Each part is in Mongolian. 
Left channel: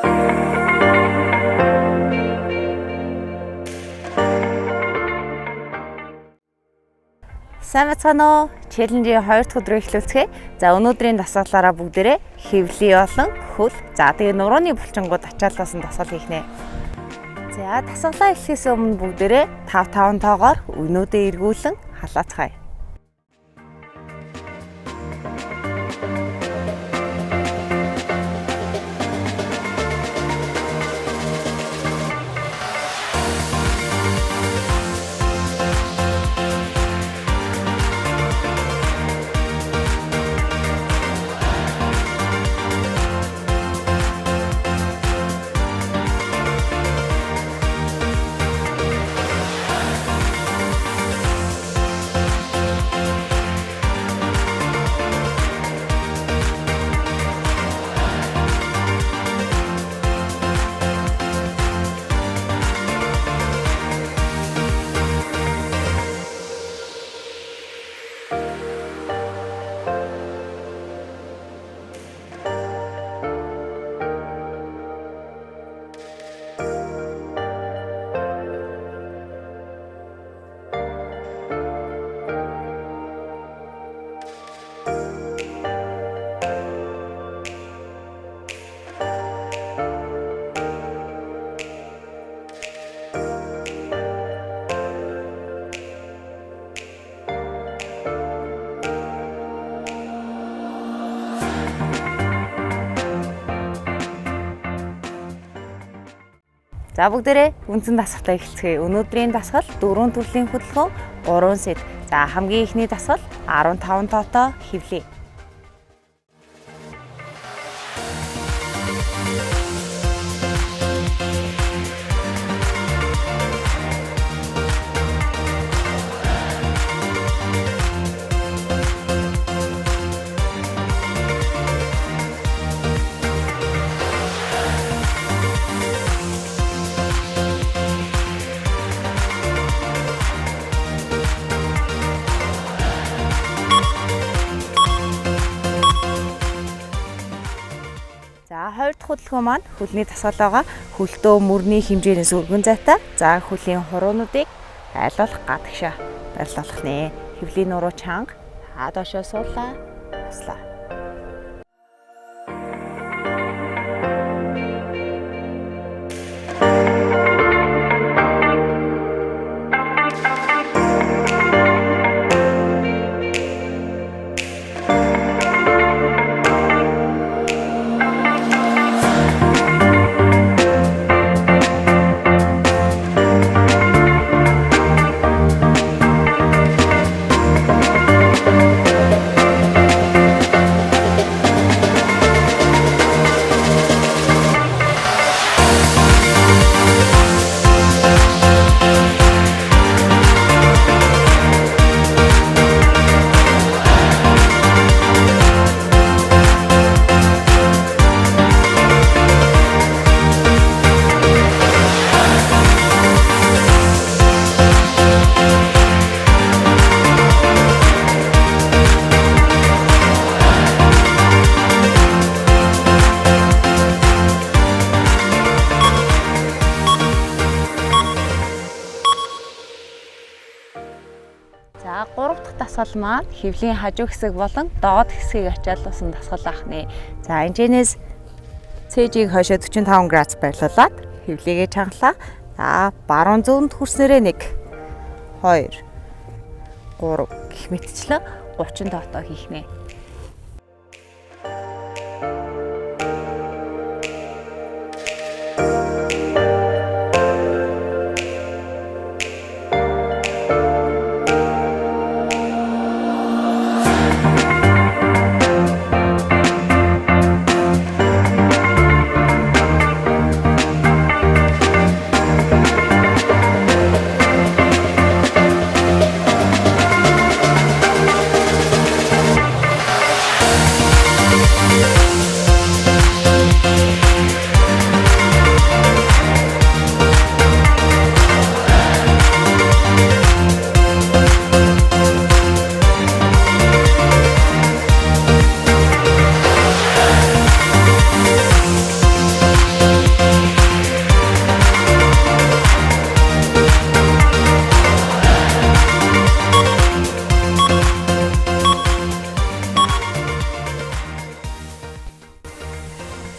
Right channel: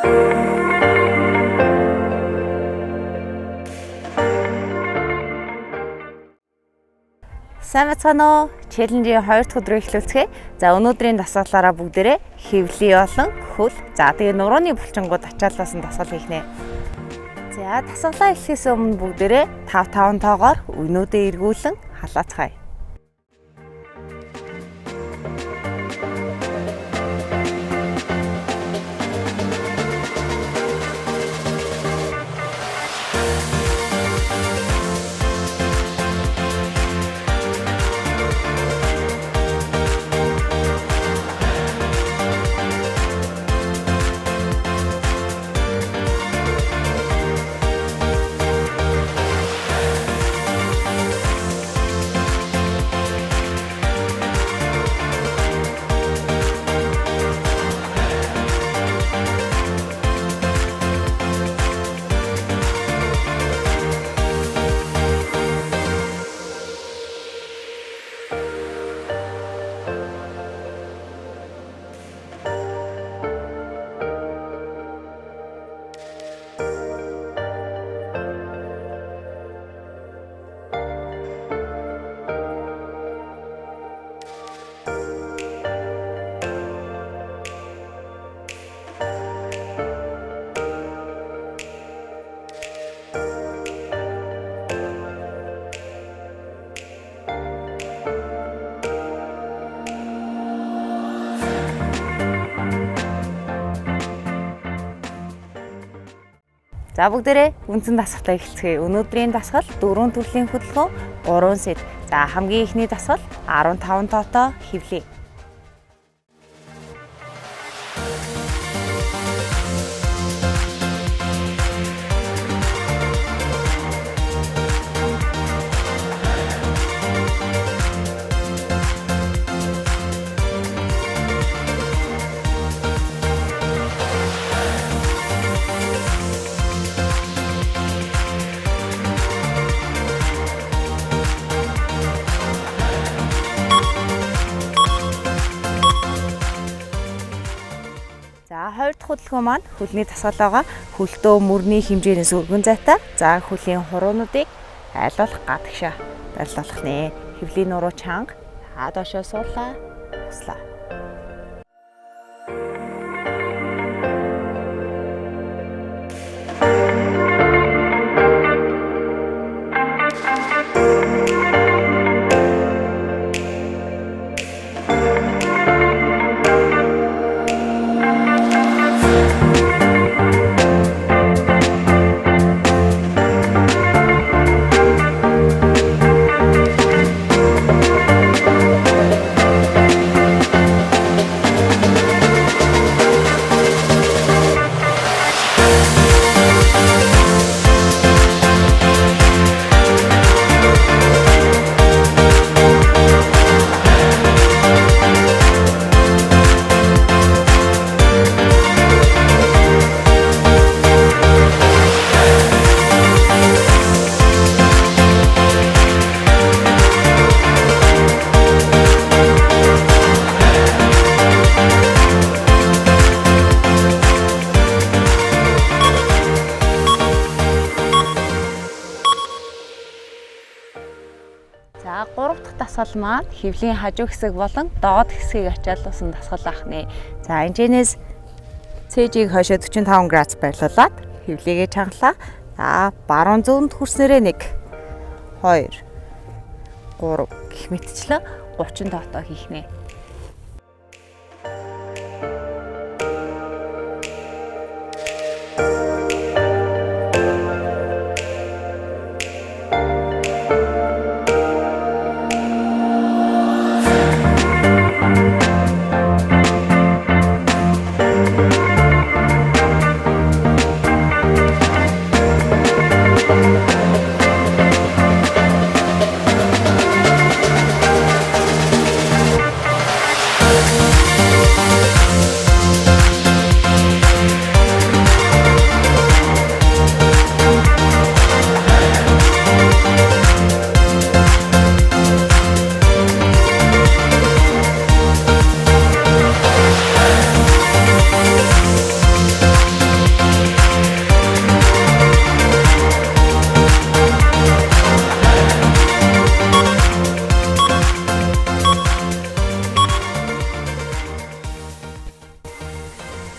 Сайн бацгаана уу? Челленжийн 2 дахь өдрөө эхлүүлцгээе. За өнөөдрийн дасгалаараа бүгдээрээ хэвлий болон хөл. За тэгээ нурууны булчингууд ачааллаас нь дасгал хийх нэ. За дасгалаа эхлэхээс өмнө бүгдээрээ 5 тоогоор өнөөдөө эргүүлэн халаацгаая. За бүгдээрээ үндсэн дасгалаа эхэлцгээе. Өнөөдрийн дасгал 4 төрлийн хөдөлгөөн, 3 сет. За хамгийн ихний дасгал 15 тоотоо хэвлэе. За 2 дахь хөдөлгөөн маань хөлний дасгал байгаа. Хөлтөө мөрний хэмжээнээс өргөн зайтай. За хөлийн хуруунуудыг айлуулах гадагшаа барилуулах нэ. Хэвлийн нуруу чанга доошоо суулаа. Туслаа. За 3 дахь дасгал маань хэвлийн хажуу хэсэг болон доод хэсгийг ачаалуулсан дасгал ахнэ. За энэчнээс цэжийг хойшоо 45 градус байрлуулад хэвлийгээ чангалаа. За баруун зүүнд хүрснээрээ 1 2 3 гэх мэтчлэн 30 тоотоо хийх нэ.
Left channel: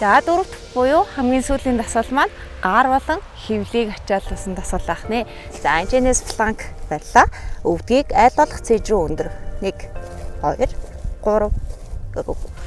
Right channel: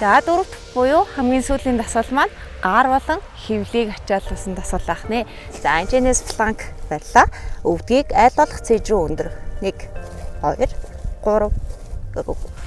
За дөрөв дэх буюу хамгийн сүүлийн дасгал маань гар болон хөвлийг ачаалуулсан дасгал ах нэ. За энэчнээс фланк барьлаа. Өвдгийг аль болох цэж рүү өндөр. 1 2 3 4